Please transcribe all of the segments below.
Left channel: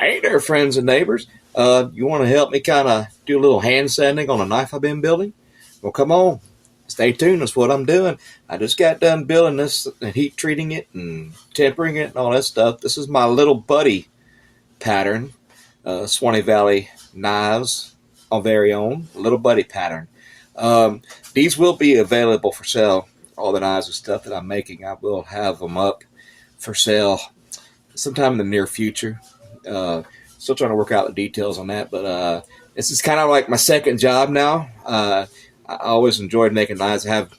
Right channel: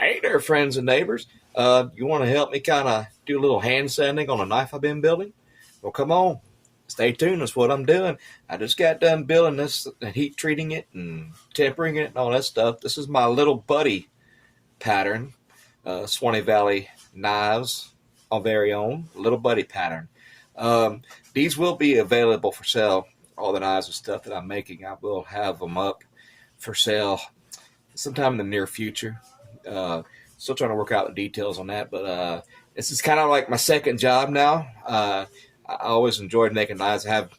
Hey there, friends and neighbors. You want to help me kind of do a little hand sanding on a knife I've been building? Well, come on. Stay tuned. That's what I'm doing. I just got done building this and heat treating it and tempering it and all that stuff. This is my little buddy pattern, Swanee Valley Knives, our very own little buddy pattern. These will be available for sale. All the knives and stuff that I'm making, I will have them up for sale sometime in the near future. Still trying to work out the details on that, but this is kind of like my second job now. I always enjoyed making knives. I have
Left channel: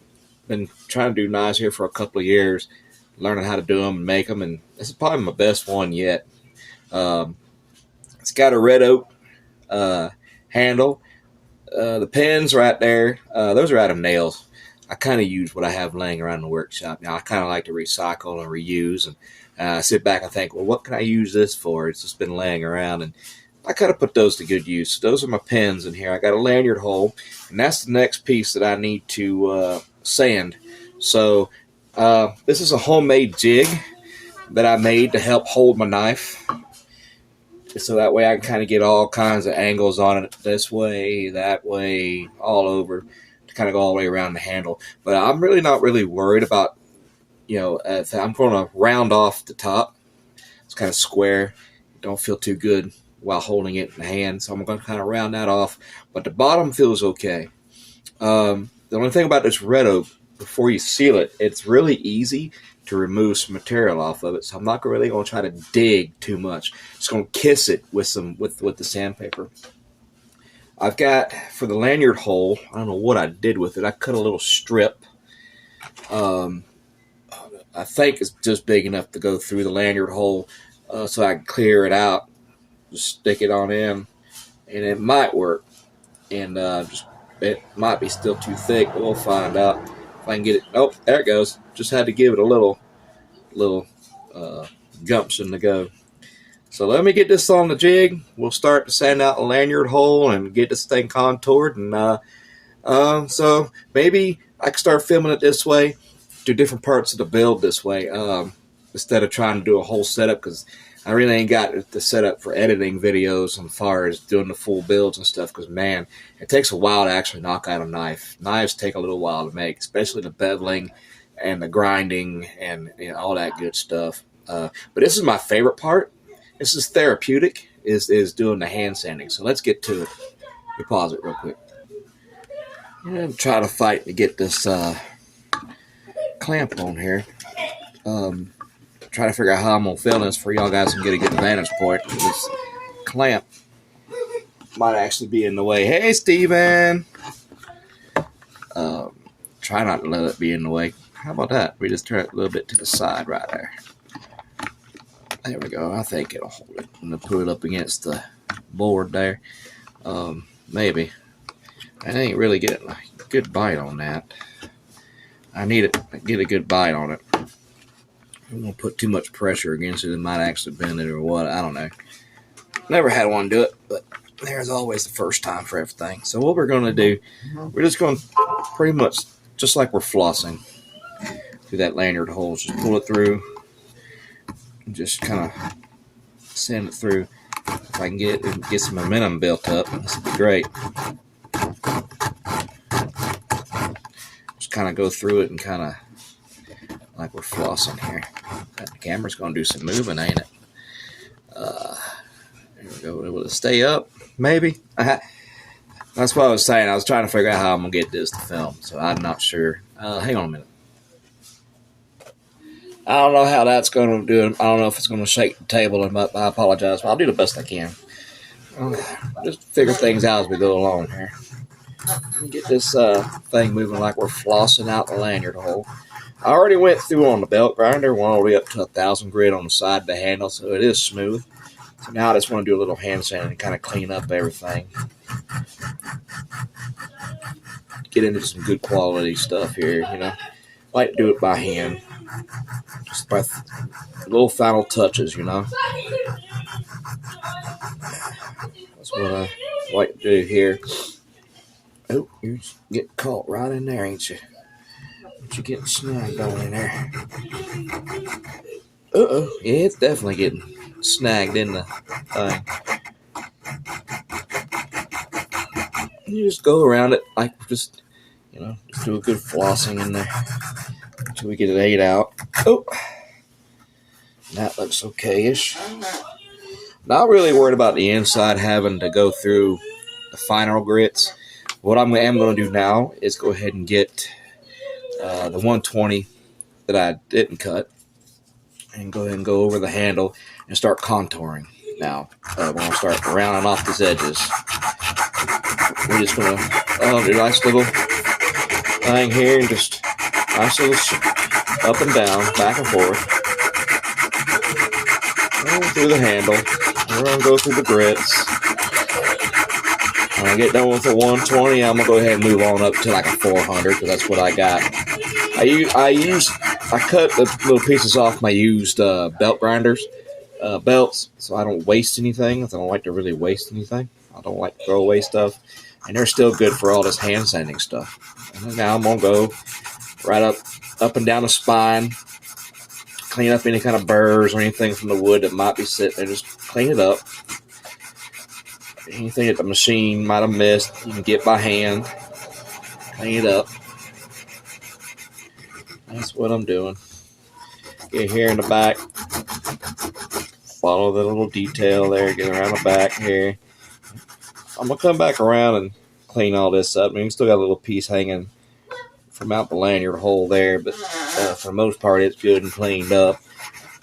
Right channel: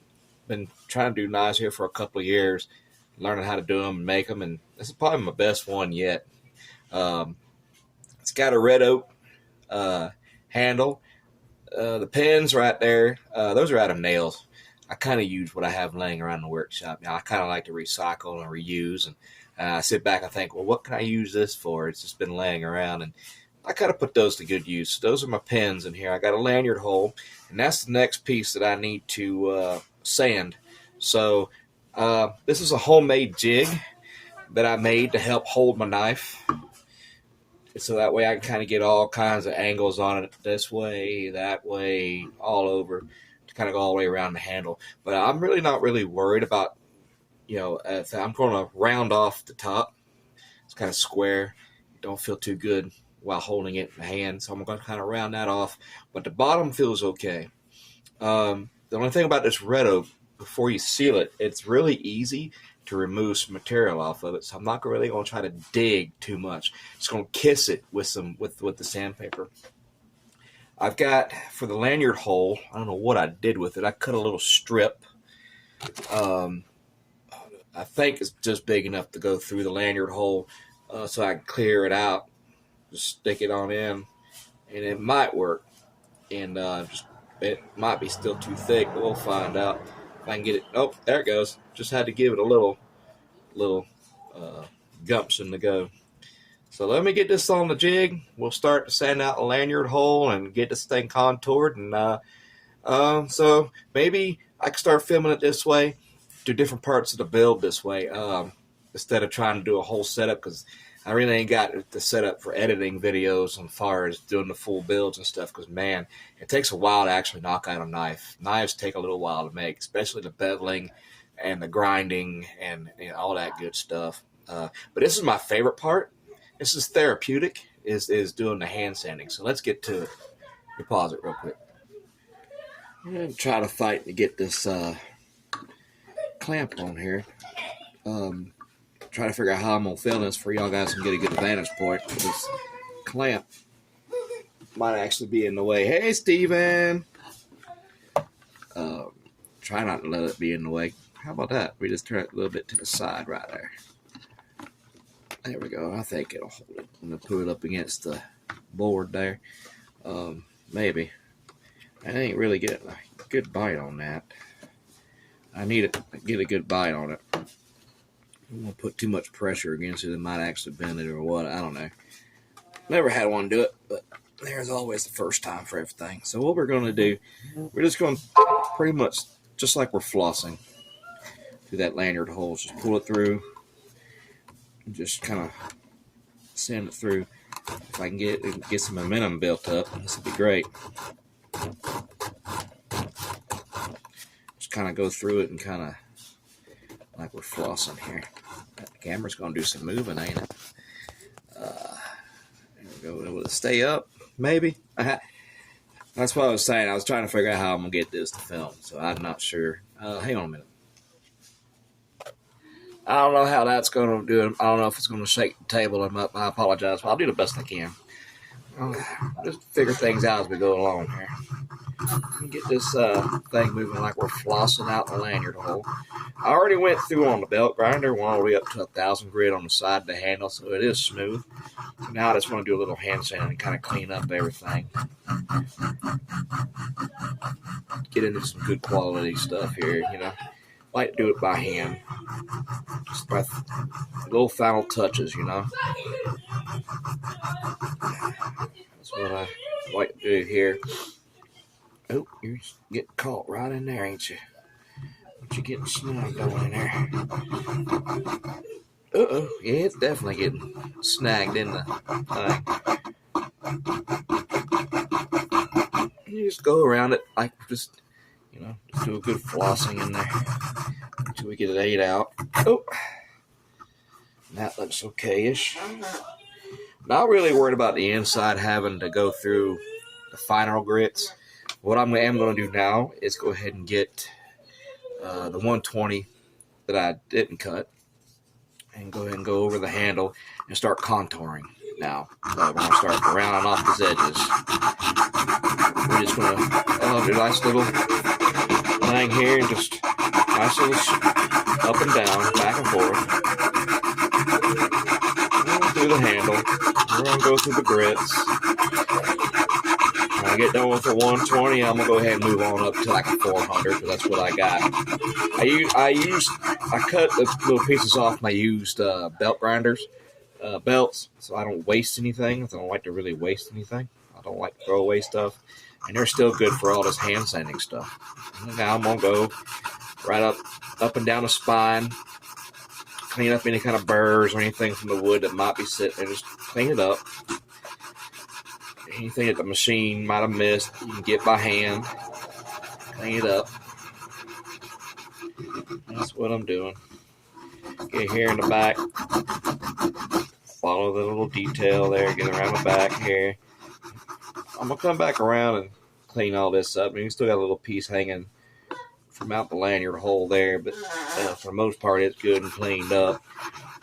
been trying to do knives here for a couple of years, learning how to do them and make them, and this is probably my best one yet. It's got a red oak handle. The pins right there, those are out of nails. I kind of use what I have laying around the workshop. Now I kind of like to recycle and reuse, and I sit back and think, well, what can I use this for? It's just been laying around, and I kind of put those to good use. Those are my pins in here. I got a lanyard hole, and that's the next piece that I need to sand. So this is a homemade jig that I made to help hold my knife. So that way I can kind of get all kinds of angles on it, this way, that way, all over, to kind of go all the way around the handle. But I'm really not really worried about, I'm going to round off the top. It's kind of square. Don't feel too good while holding it in the hand, so I'm going to kind of round that off. But the bottom feels okay. The only thing about this red oak, before you seal it, it's really easy to remove some material off of it, so I'm not really going to try to dig too much. Just going to kiss it with the sandpaper. I've got, for the lanyard hole, I don't know what I did with it. I cut a little strip. I think it's just big enough to go through the lanyard hole, so I can clear it out, just stick it on in, and it might work. And it might be still too thick, but we'll find out. If I can get it. Oh, there it goes. Just had to give it a little gumption to go. So let me get this on the jig. We'll start to sand out the lanyard hole and get this thing contoured. And so maybe I can start filming it this way, do different parts of the build this way, instead of trying to do a whole setup, because I really ain't got the setup for editing videos as far as doing the full builds and stuff, because, man, it takes a while to actually knock out a knife. Knives take a little while to make, especially the beveling and the grinding and all that good stuff. But this is my favorite part. This is therapeutic, is doing the hand sanding. So let's get to it. Let me pause it real quick. I'm trying to fight to get this clamp on here. Try to figure out how I'm going to film this for y'all guys and get a good vantage point. This clamp might actually be in the way. Hey, Steven! Try not to let it be in the way. How about that? We just turn it a little bit to the side right there. There we go. I think it'll hold it. I'm going to put it up against the board there. Maybe. I ain't really getting a good bite on that. I need to get a good bite on it. I'm going to put too much pressure against it. It might actually bend it or what. I don't know. Never had one do it, but there's always the first time for everything. So what we're going to do, we're just going to pretty much, just like we're flossing, through that lanyard hole. Just pull it through and just kind of sand it through. If I can get some momentum built up, this would be great. Just kind of go through it and kind of like we're flossing here. The camera's going to do some moving, ain't it? There we go. Will it stay up? Maybe. That's what I was saying. I was trying to figure out how I'm going to get this to film, so I'm not sure. Hang on a minute. I don't know how that's going to do it. I don't know if it's going to shake the table, and I apologize. But I'll do the best I can. Just figure things out as we go along here. Let me get this thing moving like we're flossing out the lanyard hole. I already went through on the belt grinder, went all the way up to 1,000 grit on the side of the handle, so it is smooth. So now I just want to do a little hand sand and kind of clean up everything. Get into some good quality stuff here, I like to do it by hand. Just by little final touches, That's what I like to do here. Oh, you get caught right in there, ain't you? But you're getting snagged on in there. Yeah, it's definitely getting snagged in the thing. You just go around it like just just do a good flossing in there until we get it ate out. Oh, that looks okay-ish. Not really worried about the inside having to go through the final grits. What I am going to do now is go ahead and get the 120 that I didn't cut and go ahead and go over the handle and start contouring. Now, we're going to start rounding off these edges. We're just going to do a nice little thing here and just nice little up and down, back and forth. And through the handle. We're going to go through the grits. When I get done with the 120, I'm going to go ahead and move on up to like a 400 because that's what I got. I cut the little pieces off my used belt grinders, belts, so I don't waste anything. I don't like to really waste anything. I don't like to throw away stuff. And they're still good for all this hand sanding stuff. And now I'm going to go right up and down the spine, clean up any kind of burrs or anything from the wood that might be sitting there. Just clean it up. Anything that the machine might have missed, you can get by hand. Clean it up. That's what I'm doing. Get here in the back. Follow the little detail there. Get around the back here. I'm going to come back around and clean all this up. I mean, you still got a little piece hanging from out the lanyard hole there, but for the most part, it's good and cleaned up.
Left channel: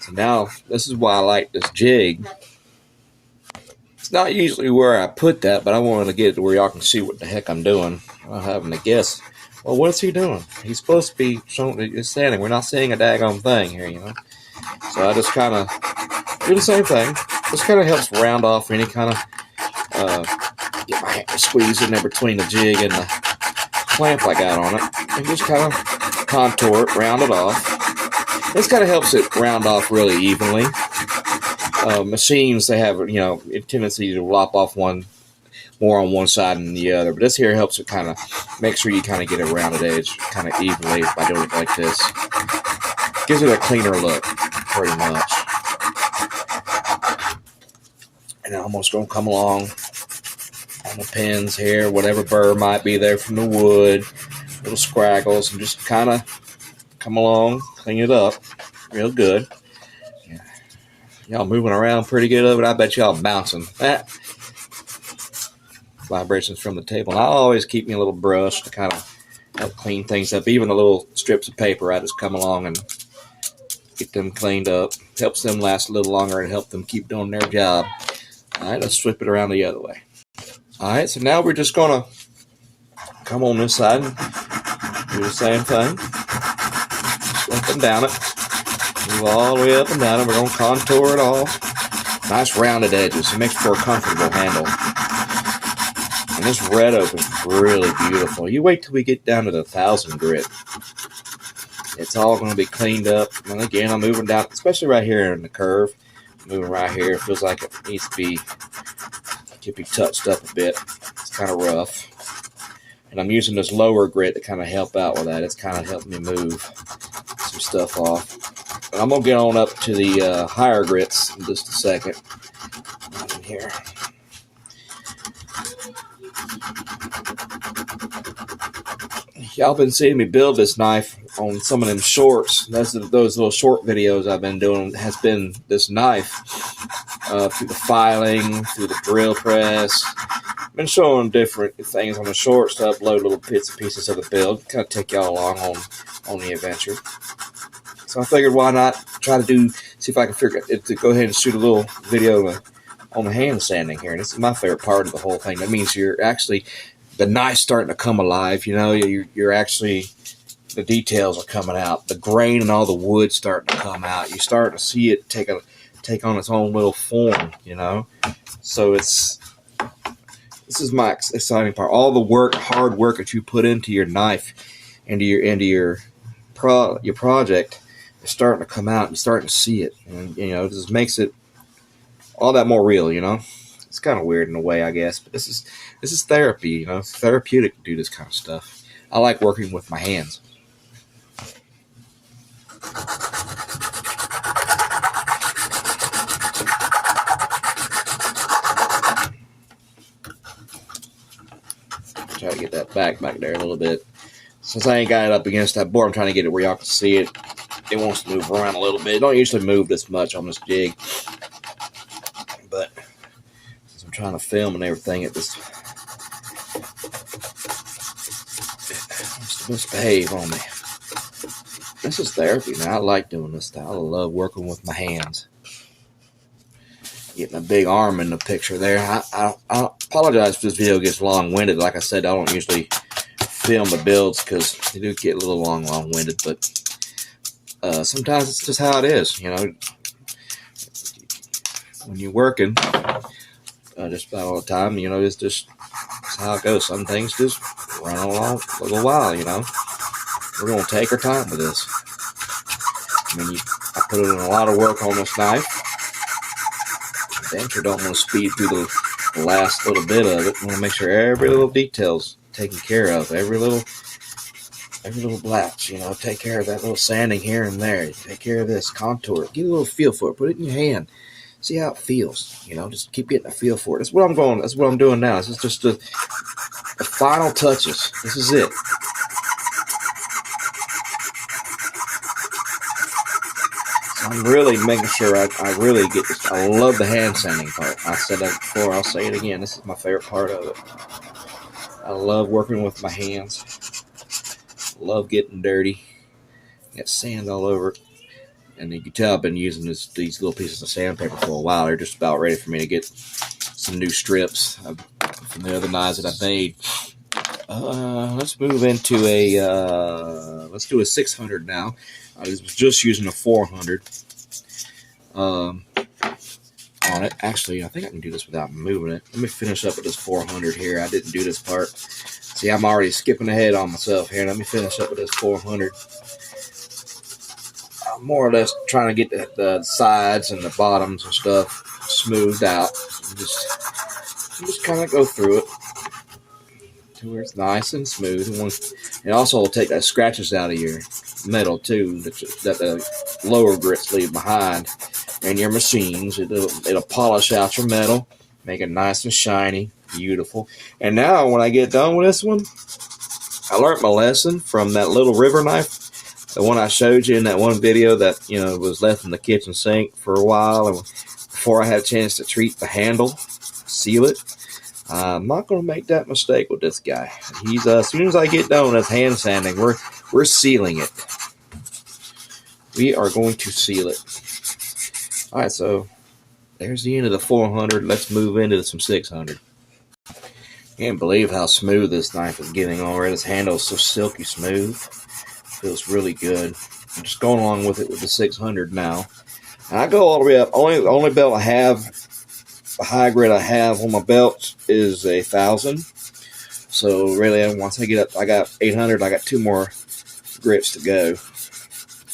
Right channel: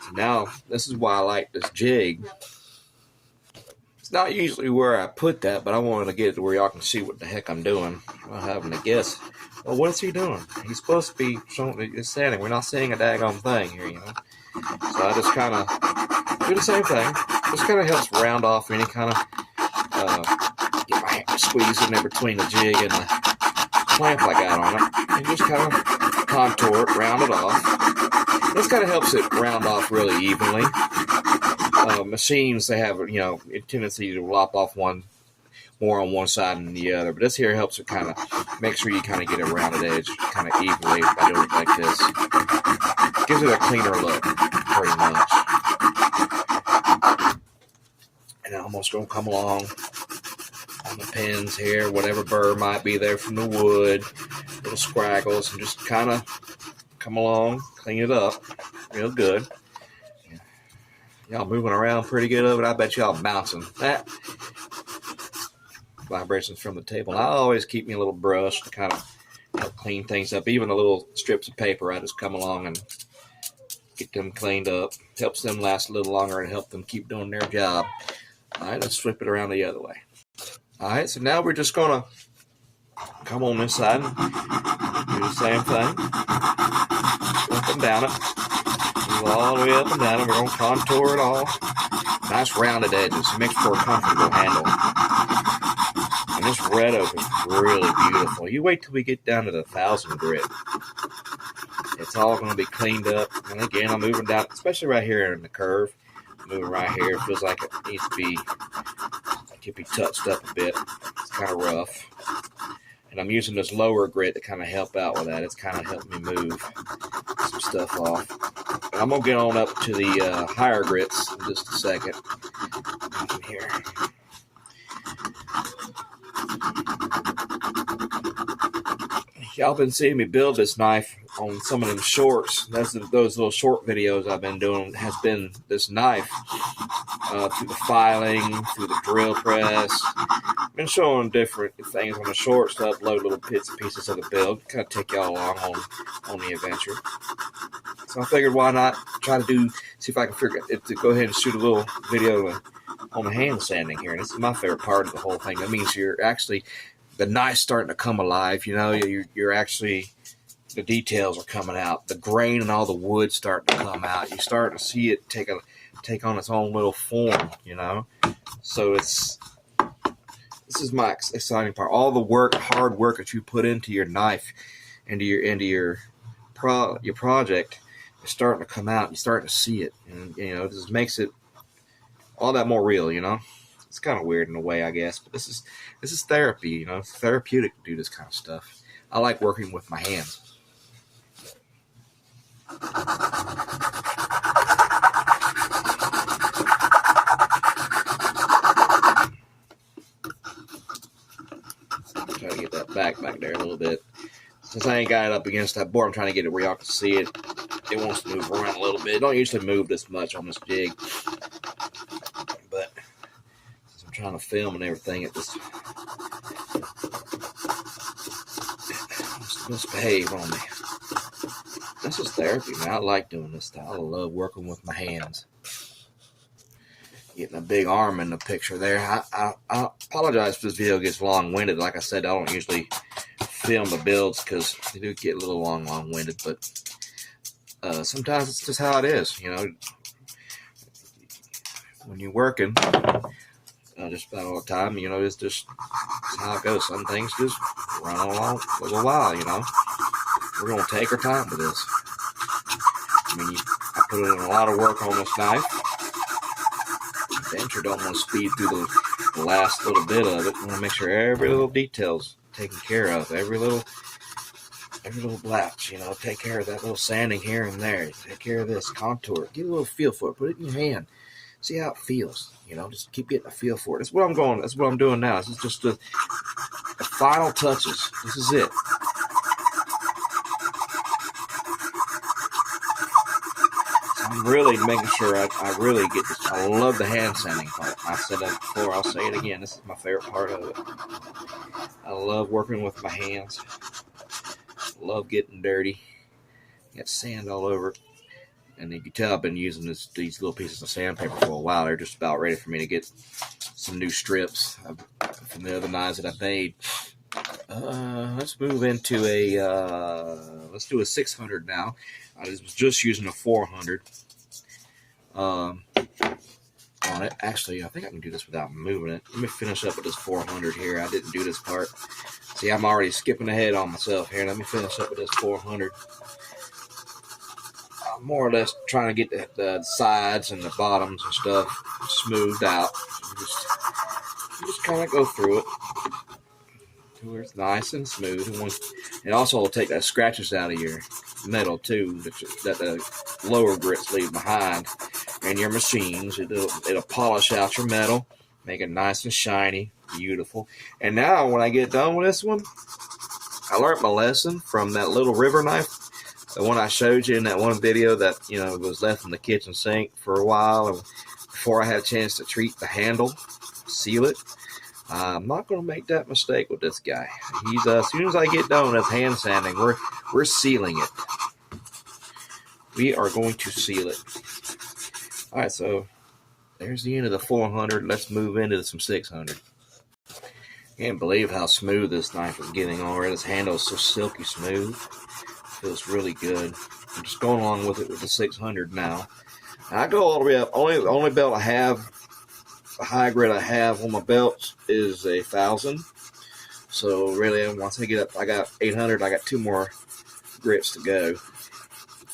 So now, this is why I like this jig. It's not usually where I put that, but I wanted to get it to where y'all can see what the heck I'm doing. I'm having to guess. Well, what is he doing? He's supposed to be showing it's sanding. We're not seeing a daggone thing here, So I just kind of do the same thing. This kind of helps round off any kind of get my hand squeezed in there between the jig and the clamp I got on it, and just kind of contour it, round it off. This kind of helps it round off really evenly. Machines, they have a tendency to lop off one more on one side than the other, but this here helps it kind of make sure you kind of get a rounded edge kind of evenly by doing it like this. Gives it a cleaner look, pretty much. And I'm almost going to come along on the pins here, whatever burr might be there from the wood, little scraggles, and just kind of come along, clean it up real good. Y'all moving around pretty good of it. I bet y'all bouncing. That vibrations from the table. And I always keep me a little brush to kind of help clean things up. Even the little strips of paper, I just come along and get them cleaned up. Helps them last a little longer and help them keep doing their job. All right, let's flip it around the other way. All right, so now we're just going to come on this side and do the same thing. Just up and down it. Move all the way up and down it. We're going to contour it all. Nice rounded edges. It makes for a comfortable handle. And this red oak is really beautiful. You wait till we get down to the 1,000 grit. It's all going to be cleaned up. And again, I'm moving down, especially right here in the curve. Moving right here. It feels like it needs to be, touched up a bit. It's kind of rough. And I'm using this lower grit to kind of help out with that. It's kind of helping me move some stuff off. And I'm going to get on up to the higher grits in just a second. In here. Y'all been seeing me build this knife on some of them shorts. Those little short videos I've been doing has been this knife through the filing, through the drill press. I've been showing different things on the shorts to upload little bits and pieces of the build. Kind of take y'all along on the adventure. So I figured why not try to see if I can figure it to go ahead and shoot a little video on the hand sanding here. And this is my favorite part of the whole thing. That means you're actually, the knife's starting to come alive. You're actually, the details are coming out. The grain and all the wood starting to come out. You start to see it take on its own little form, So this is my exciting part. All the hard work that you put into your knife, into your project, is starting to come out. You're starting to see it, and it just makes it all that more real. It's kind of weird in a way, I guess, but this is therapy. It's therapeutic to do this kind of stuff. I like working with my hands. back there a little bit. Since I ain't got it up against that board, I'm trying to get it where y'all can see it. It wants to move around a little bit. It don't usually move this much on this jig. But since I'm trying to film and everything, it just misbehave on me. This is therapy, man. I like doing this stuff. I love working with my hands. Getting a big arm in the picture there. I apologize if this video gets long-winded. Like I said, I don't usually film the builds because they do get a little long-winded, but sometimes it's just how it is, you know. When you're working, just about all the time, you know, it's just how it goes. Some things just run along a little while, you know. We're going to take our time with this. I mean, I put in a lot of work on this knife. Damn sure don't want to speed through the last little bit of it. I want to make sure every little detail's taken care of. Every little blotch, you know, take care of that little sanding here and there. Take care of this, contour it. Get a little feel for it. Put it in your hand. See how it feels. You know, just keep getting a feel for it. That's what I'm doing now. This is just the final touches. This is it. I'm really making sure I really get this. I love the hand sanding part. I said that before. I'll say it again. This is my favorite part of it. I love working with my hands. Love getting dirty. Got sand all over it. And you can tell I've been using these little pieces of sandpaper for a while. They're just about ready for me to get some new strips from the other knives that I've made. Let's move into let's do a 600 now. I was just using a 400 on it. Actually, I think I can do this without moving it. Let me finish up with this 400 here. I didn't do this part. See, I'm already skipping ahead on myself here. Let me finish up with this 400. I'm more or less trying to get the sides and the bottoms and stuff smoothed out. Just kind of go through it to where it's nice and smooth. And also will take the scratches out of your metal too that the lower grits leave behind in your machines. It'll polish out your metal, make it nice and shiny, beautiful. And now when I get done with this one, I learned my lesson from that little river knife, the one I showed you in that one video that, you know, was left in the kitchen sink for a while, and before I had a chance to treat the handle, seal it. I'm not going to make that mistake with this guy. He's as soon as I get done with hand sanding, we're sealing it. We are going to seal it. All right, so there's the end of the 400. Let's move into some 600. Can't believe how smooth this knife is getting already. This handle is so silky smooth. Feels really good. I'm just going along with it with the 600 now. And I go all the way up. The only belt I have, the high grit I have on my belt is 1,000. So really, once I get up, I got 800. I got 2 more grits to go.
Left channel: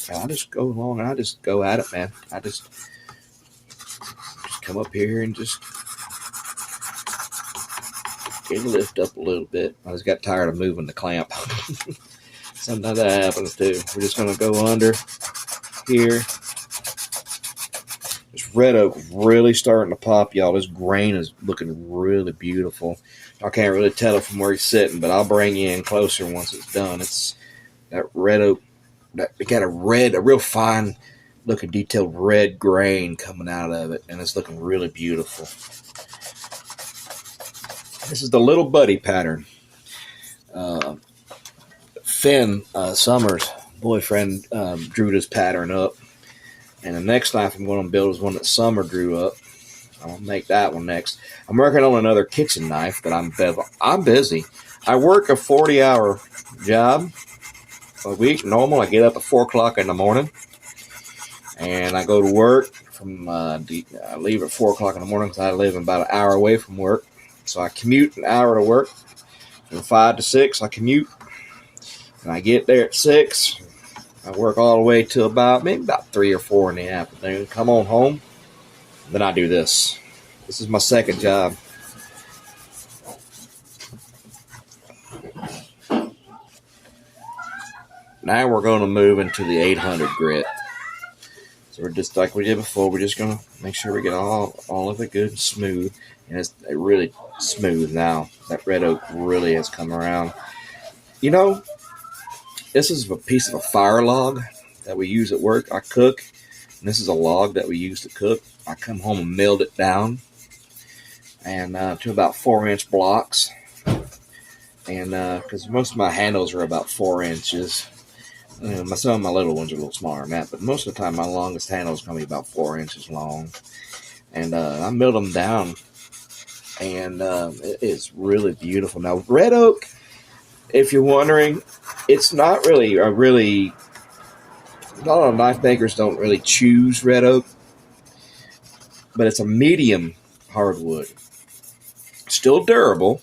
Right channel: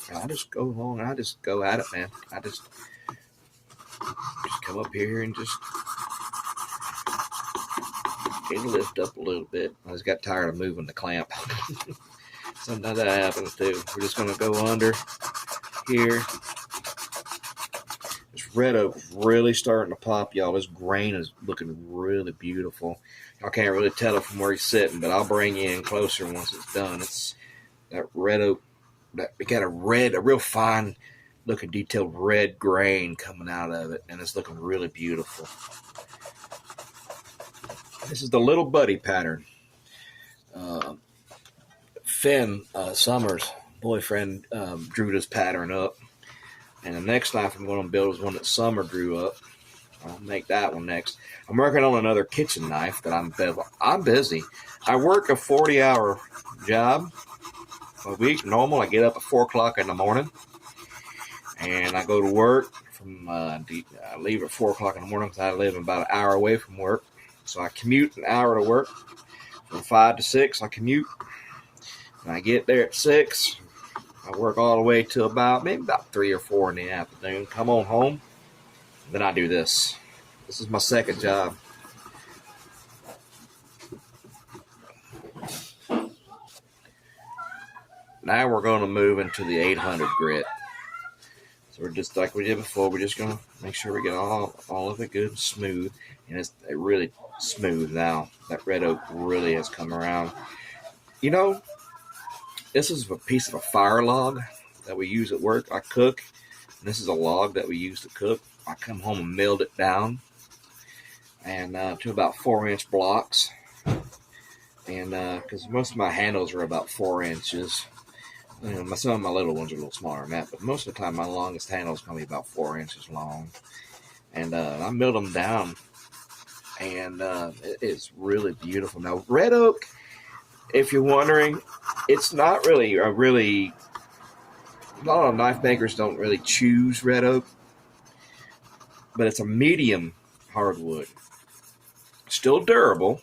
And I just go along and I just go at it, man. I just come up here and just get it lift up a little bit. I just got tired of moving the clamp. Sometimes that happens too. We're just going to go under here. This red oak really starting to pop, y'all. This grain is looking really beautiful. Y'all can't really tell it from where he's sitting, but I'll bring you in closer once it's done. It's that red oak. It got a real fine looking detailed red grain coming out of it, and it's looking really beautiful. This is the Little Buddy pattern. Finn Summers' boyfriend drew this pattern up, and the next knife I'm going to build is one that Summer drew up. I'll make that one next. I'm working on another kitchen knife, but I'm busy. I work a 40-hour job a week. Normal. I get up at 4 o'clock in the morning, and I go to work. I leave at 4 o'clock in the morning because I live about an hour away from work. So I commute an hour to work. From 5 to 6, I commute. And I get there at 6. I work all the way to about 3 or 4 in the afternoon. Come on home. Then I do this. This is my second job. Now we're going to move into the 800 grit. So we're just like we did before. We're just gonna make sure we get all of it good and smooth, and it's really smooth now. That red oak really has come around. You know, this is a piece of a fire log that we use at work. I cook, and this is a log that we use to cook. I come home and milled it down, and to about 4-inch blocks, and because most of my handles are about 4 inches. Some of my little ones are a little smaller than that, but most of the time my longest handle is going to be about 4 inches long. And I milled them down, and it is really beautiful. Now, red oak, if you're wondering, it's not really a lot of knife makers don't really choose red oak, but it's a medium hardwood. Still durable,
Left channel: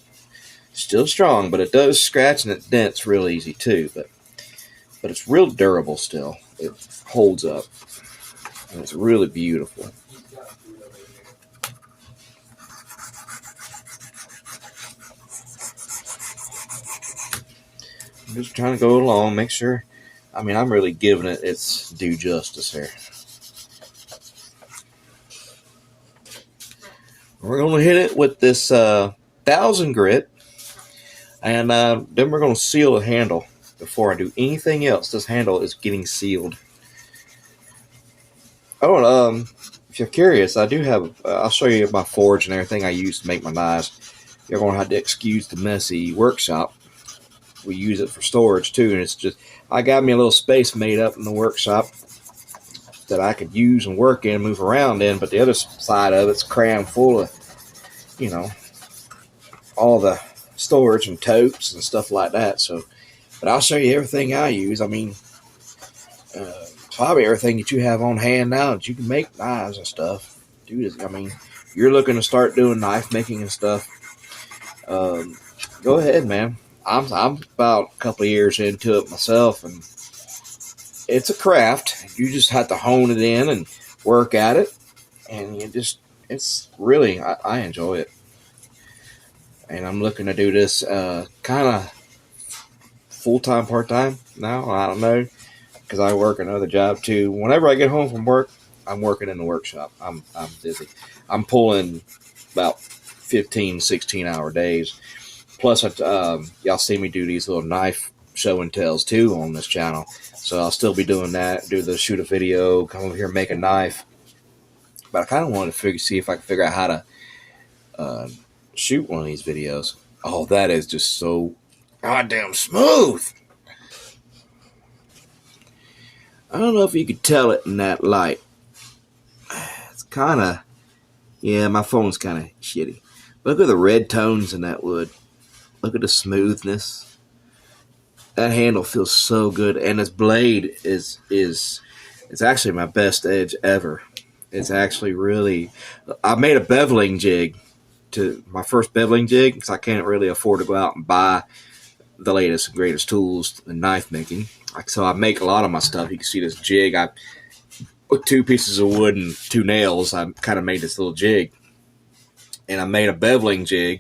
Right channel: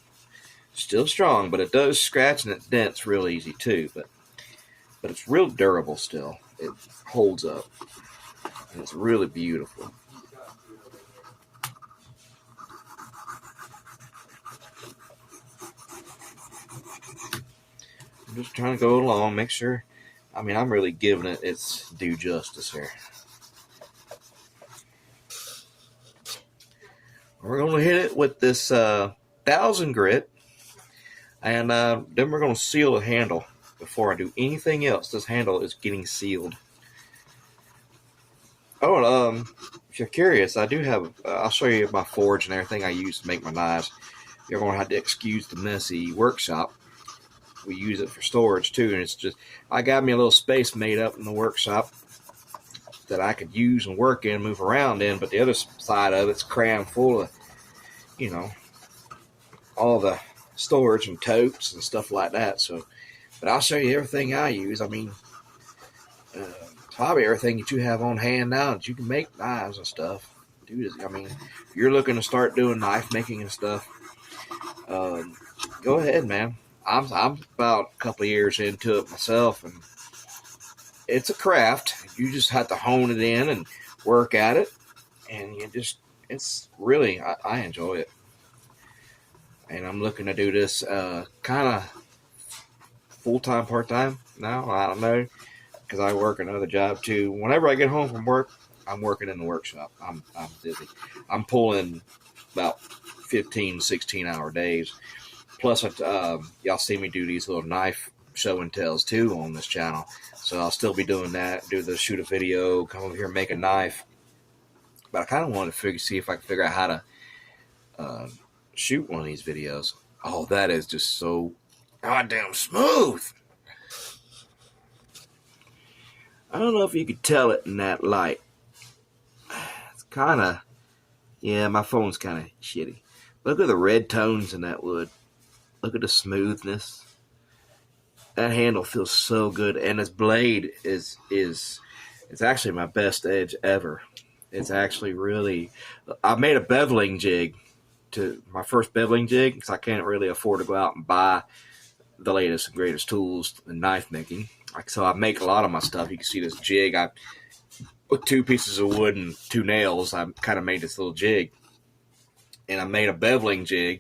still strong, but it does scratch and it dents real easy too. But it's real durable still. It holds up, and it's really beautiful. I'm just trying to go along, make sure. I mean, I'm really giving it its due justice here. We're going to hit it with this 1000 grit, and then we're going to seal the handle. Before I do anything else, this handle is getting sealed. Oh, if you're curious, I do have, I'll show you my forge and everything I use to make my knives. You're going to have to excuse the messy workshop. We use it for storage too, and it's just, I got me a little space made up in the workshop that I could use and work in, move around in, but the other side of it's crammed full of, all the storage and totes and stuff like that. So, but I'll show you everything I use. I mean, probably everything that you have on hand now that you can make knives and stuff. Dude, I mean, you're looking to start doing knife making and stuff. Go ahead, man. I'm about a couple of years into it myself, and it's a craft. You just have to hone it in and work at it, and it's really, I enjoy it. And I'm looking to do this kind of full-time, part-time now. I don't know, because I work another job too. Whenever I get home from work, I'm working in the workshop. I'm busy. I'm pulling about 15, 16-hour days. Plus, y'all see me do these little knife show and tells too on this channel. So I'll still be doing that, shoot a video, come over here and make a knife. But I kind of wanted to see if I could figure out how to shoot one of these videos. Oh, that is just so goddamn smooth. I don't know if you could tell it in that light. It's kind of, yeah, my phone's kind of shitty. Look at the red tones in that wood. Look at the smoothness. That handle feels so good, and this blade is it's actually my best edge ever. It's actually really. I made a beveling jig, to my first beveling jig, because I can't really afford to go out and buy the latest and greatest tools in knife making. So I make a lot of my stuff. You can see this jig. I with 2 pieces of wood and 2 nails, I kind of made this little jig, and I made a beveling jig.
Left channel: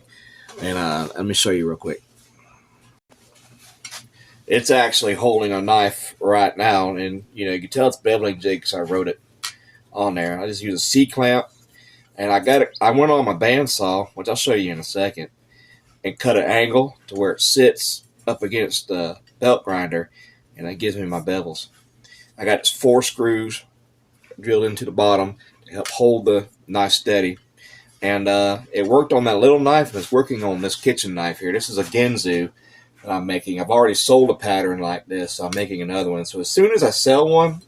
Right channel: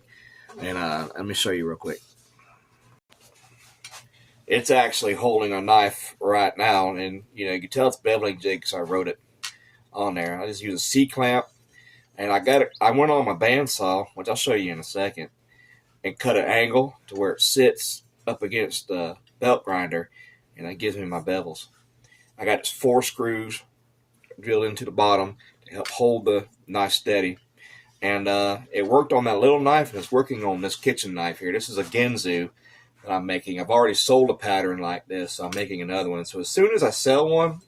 And let me show you real quick. It's actually holding a knife right now, and you can tell it's beveling jig because I wrote it on there. I just use a C-clamp, and I got it. I went on my bandsaw, which I'll show you in a second, and cut an angle to where it sits up against the belt grinder, and that gives me my bevels. I got 4 screws drilled into the bottom to help hold the knife steady. And it worked on that little knife, and it's working on this kitchen knife here. This is a Ginsu that I'm making. I've already sold a pattern like this, so I'm making another one. So as soon as I sell one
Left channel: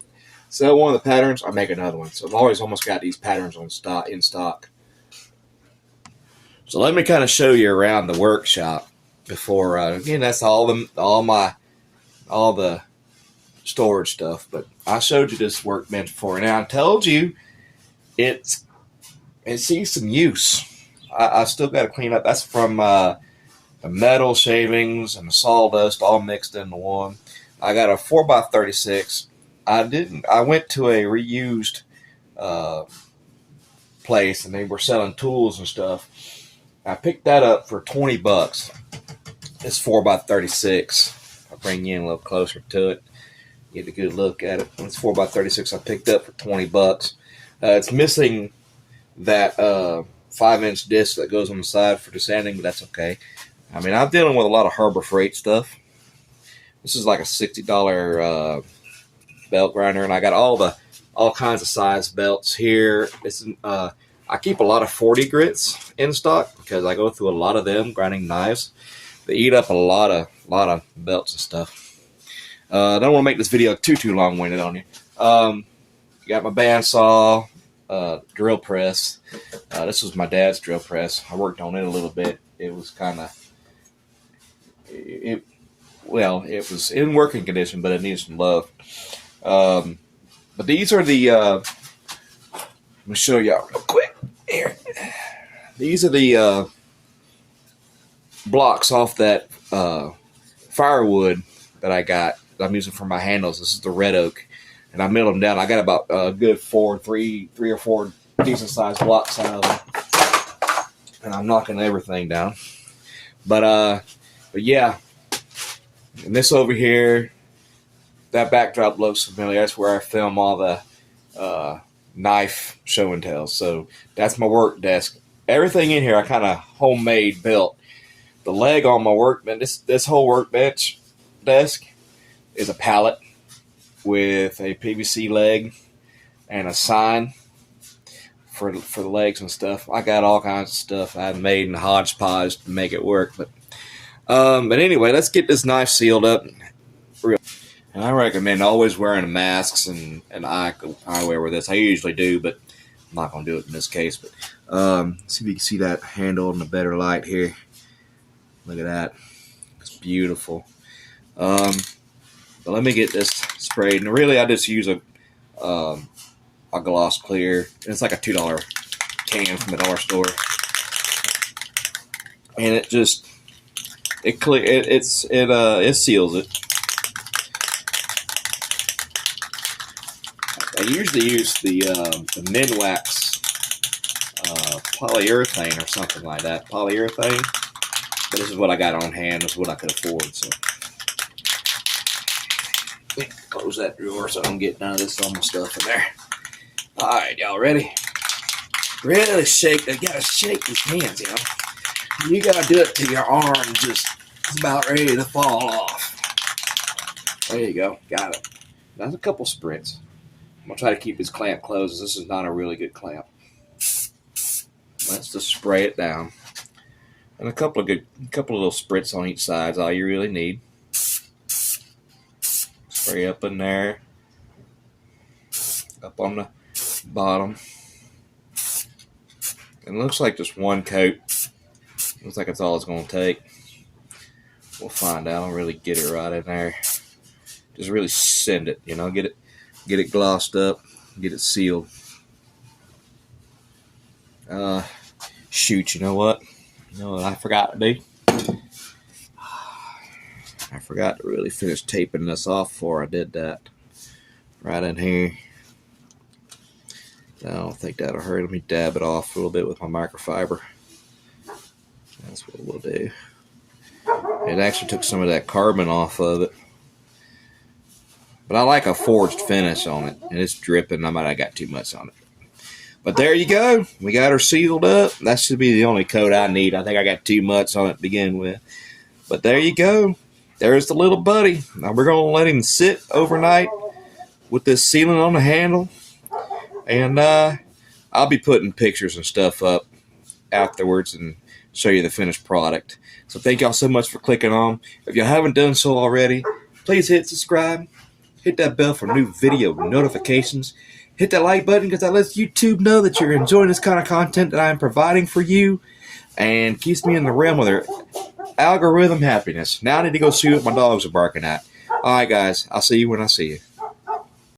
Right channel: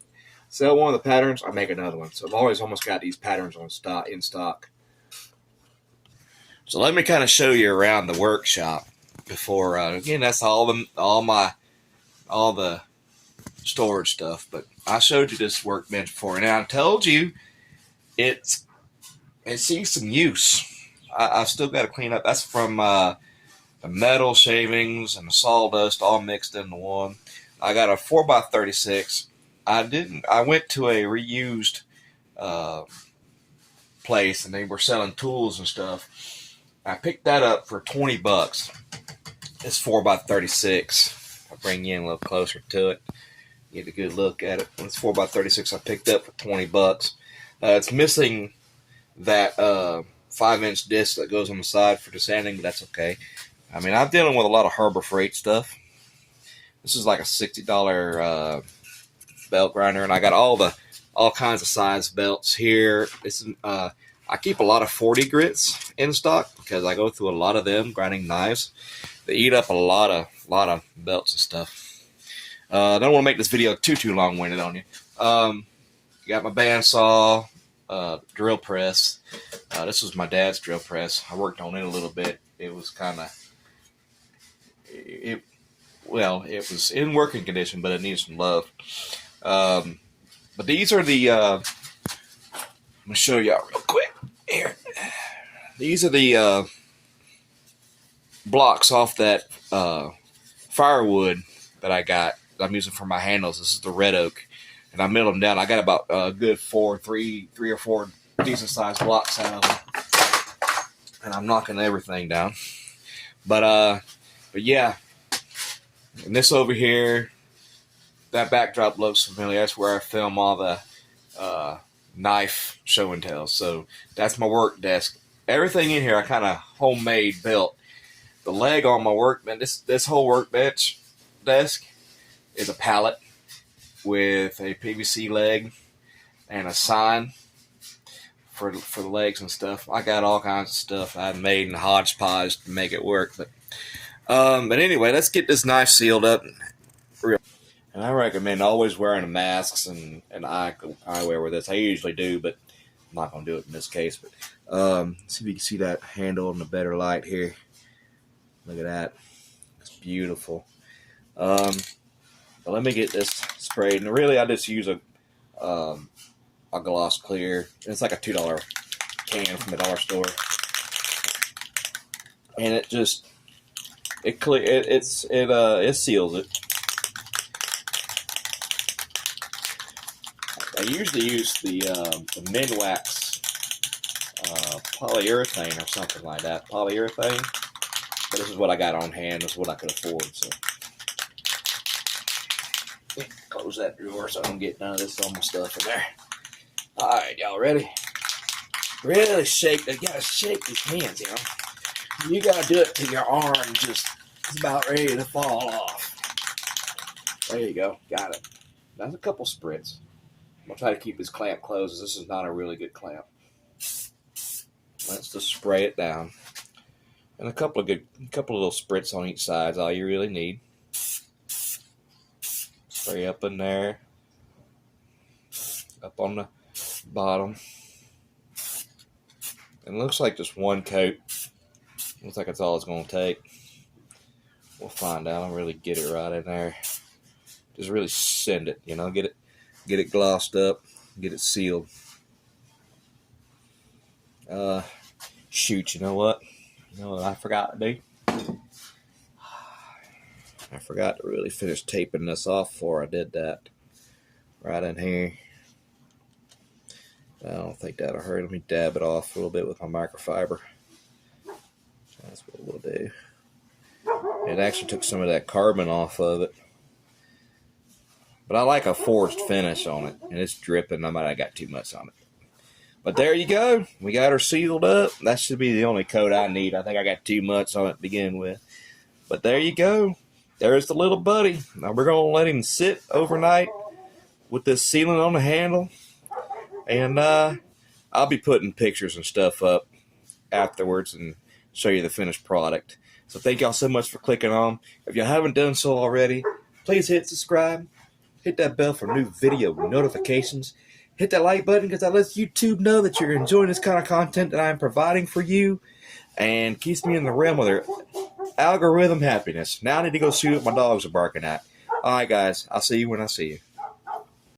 of the patterns, I make another one. So I've always almost got these patterns in stock. So let me kind of show you around the workshop before. Again, that's all the storage stuff. But I showed you this workbench before. Now I told you it sees some use. I've still got to clean up. That's from the metal shavings and the sawdust all mixed into one. I got a 4x36. I went to a reused place, and they were selling tools and stuff. I picked that up for $20. It's 4x36. I'll bring you in a little closer to it. Get a good look at it. It's 4x36 I picked up for 20 bucks. It's missing that 5-inch disc that goes on the side for desanding, but that's okay. I mean, I'm dealing with a lot of Harbor Freight stuff. This is like a $60 belt grinder, and I got all kinds of size belts here. I keep a lot of 40 grits in stock because I go through a lot of them grinding knives. They eat up a lot of belts and stuff. I don't want to make this video too long-winded on you. Got my bandsaw, drill press. This was my dad's drill press. I worked on it a little bit. It was kind of, it was in working condition, but it needs some love. But these are the, let me show y'all real quick here. These are the blocks off that firewood that I got. I'm using for my handles. This is the red oak, and I milled them down. I got about a good three or four decent sized blocks out of them, and I'm knocking everything down. But yeah, and this over here, that backdrop looks familiar. That's where I film all the knife show and tells. So that's my work desk. Everything in here I kind of homemade built. The leg on my workbench, this whole workbench desk is a pallet with a PVC leg and a sign for the legs and stuff. I got all kinds of stuff I made in hodgepodge to make it work. But anyway, let's get this knife sealed up. And I recommend always wearing masks and eyewear with this. I usually do, but I'm not going to do it in this case. But see if you can see that handle in a better light here. Look at that. It's beautiful. But let me get this sprayed. And really, I just use a gloss clear. It's like a $2 can from the dollar store. And it just, it seals it. I usually use the Minwax polyurethane or something like that. Polyurethane. But this is what I got on hand. This is what I could afford. So close that drawer so I don't get none of this on my stuff in there. All right, y'all ready? Really shake. You gotta shake these hands, you know. You gotta do it till your arm just is about ready to fall off. There you go. Got it. That's a couple sprints. I'm gonna try to keep this clamp closed, as this is not a really good clamp. Let's just spray it down, and a couple of little spritz on each side is all you really need. Spray up in there, up on the bottom. It looks like just one coat. Looks like that's all it's gonna take. We'll find out. I'll really get it right in there. Just really send it, you know, get it glossed up, get it sealed. Shoot, you know what I forgot to do? I forgot to really finish taping this off before I did that. Right in here. I don't think that'll hurt. Let me dab it off a little bit with my microfiber. That's what we'll do. It actually took some of that carbon off of it. But I like a forged finish on it, and it's dripping. I might have got too much on it. But there you go. We got her sealed up. That should be the only coat I need. I think I got too much on it to begin with. But there you go. There's the little buddy. Now we're going to let him sit overnight with this sealing on the handle. And I'll be putting pictures and stuff up afterwards and show you the finished product. So thank y'all so much for clicking on. If you haven't done so already, please hit subscribe. Hit that bell for new video notifications. Hit that like button because that lets YouTube know that you're enjoying this kind of content that I'm providing for you and keeps me in the realm of their algorithm happiness. Now I need to go see what my dogs are barking at. All right, guys. I'll see you when I see you.